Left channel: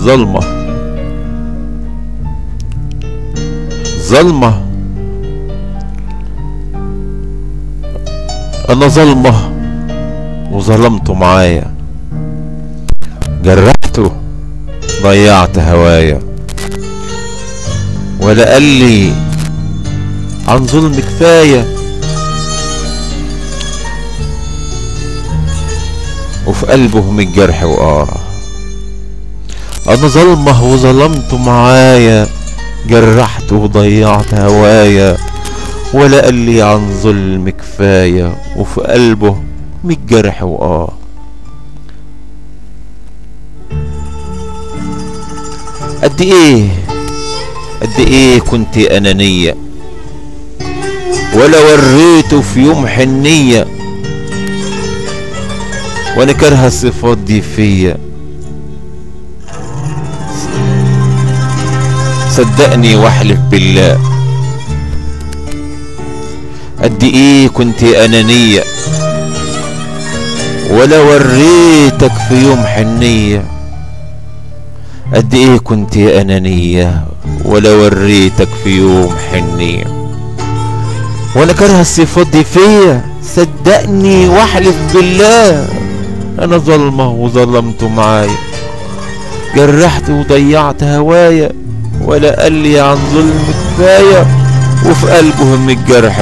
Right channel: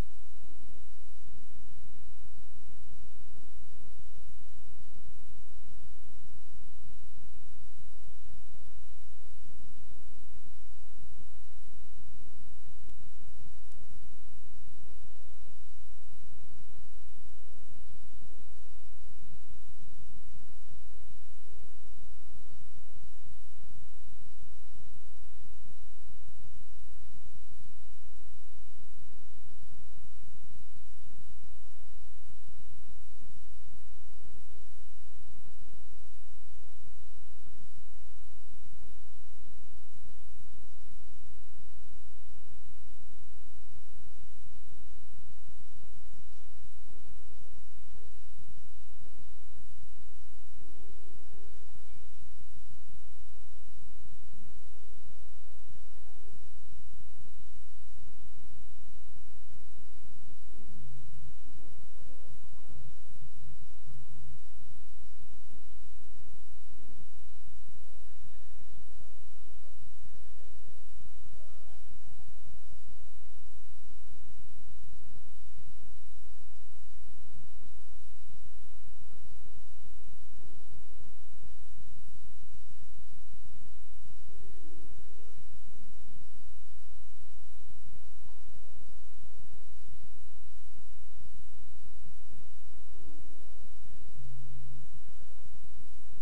ظلمة ظلمة، انا ظلمة وظلمته معايا، جرحته ضيعت هوايا، ولا قال لي عن ظلم كفاية، وفي قلبه من الجرح انا ظلمه وظلمته معايا، جرحته وضيعت هوايا، ولا قال لي عن ظلم كفاية، وفي قلبه من الجرح قد ايه كنت انانية، ولا وريته في يوم حنية، وانا كارهة الصفات دي فيا، صدقني واحلف بالله. قد ايه كنت انانية، ولا وريتك في يوم حنية، قد ايه كنت انانية ولا وريتك في يوم حنية، وانا كارهة الصفات دي فيا، صدقني واحلف بالله. انا ظلمة وظلمته معايا، جرحت وضيعت هوايا، ولا قال لي عن ظلم كفاية، وفي قلبه من الجرح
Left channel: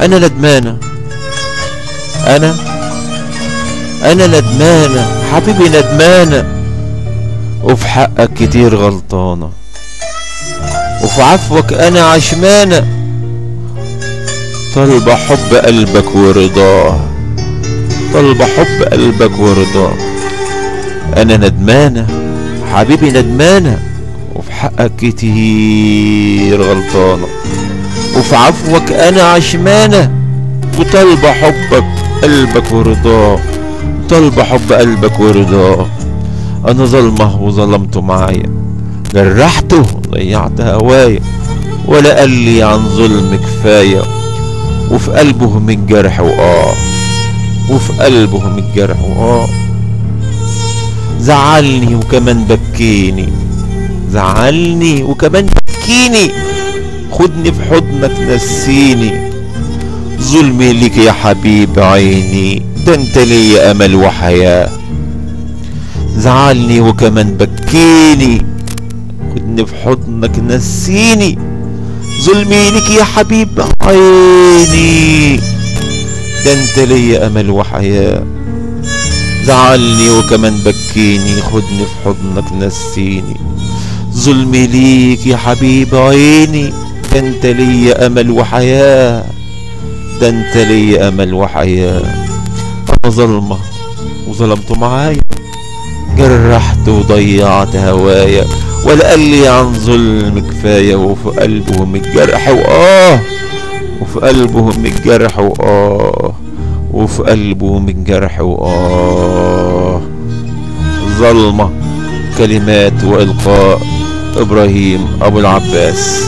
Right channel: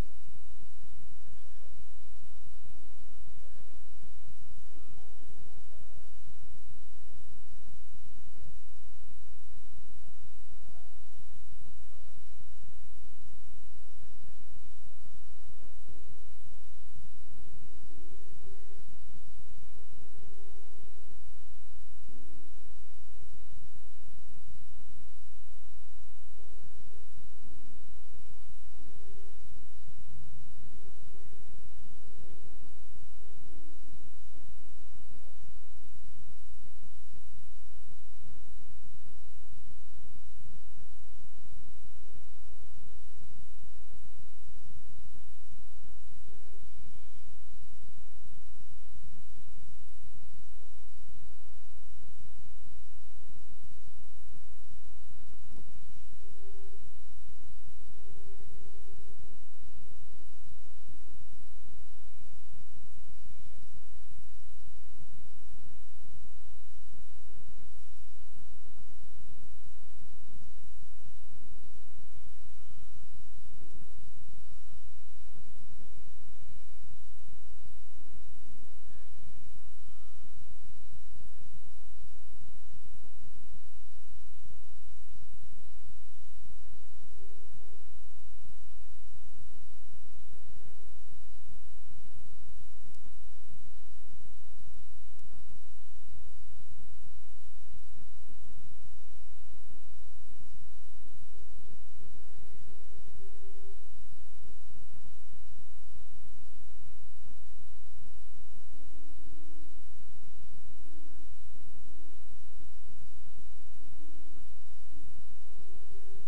انا ندمانة، انا ندمانة حبيبي، ندمانة، وفي حقك كتير غلطانة، وفي عفوك انا عشمانة، طالبة حب قلبك ورضاه، طالبة حب قلبك ورضاه. انا ندمانة حبيبي، ندمانة، وفي حقك كتير غلطانة، وفي عفوك انا عشمانة، وطالبة حبك قلبك ورضاه، طالبة حب قلبك ورضاه. انا ظلمه وظلمته معايا، جرحته ضيعت هوايا، ولا قال لي عن ظلم كفاية، وفي قلبه من جرح وفي قلبه من جرح زعلني وكمان بكيني، زعلني وكمان بكيني، خدني في حضنك نسيني، ظلمي ليك يا حبيب عيني، ده انت ليا امل وحياة. زعلني وكمان بكيني، خدني في حضنك نسيني، ظلمي ليك يا حبيب عيني، ده انت ليا امل وحياة. زعلني وكمان بكيني، خدني في حضنك نسيني، ظلمي ليك يا حبيب عيني، ده انت ليا امل وحياة، ده انت ليا امل وحياة. انا ظلمة وظلمته معايا، جرحت وضيعت هوايا، ولا قال لي عن ظلم كفاية، وفي قلبه من الجرح وفي قلبه من الجرح وفي قلبه من جرح ظلمة. كلمات وإلقاء إبراهيم أبو العباس.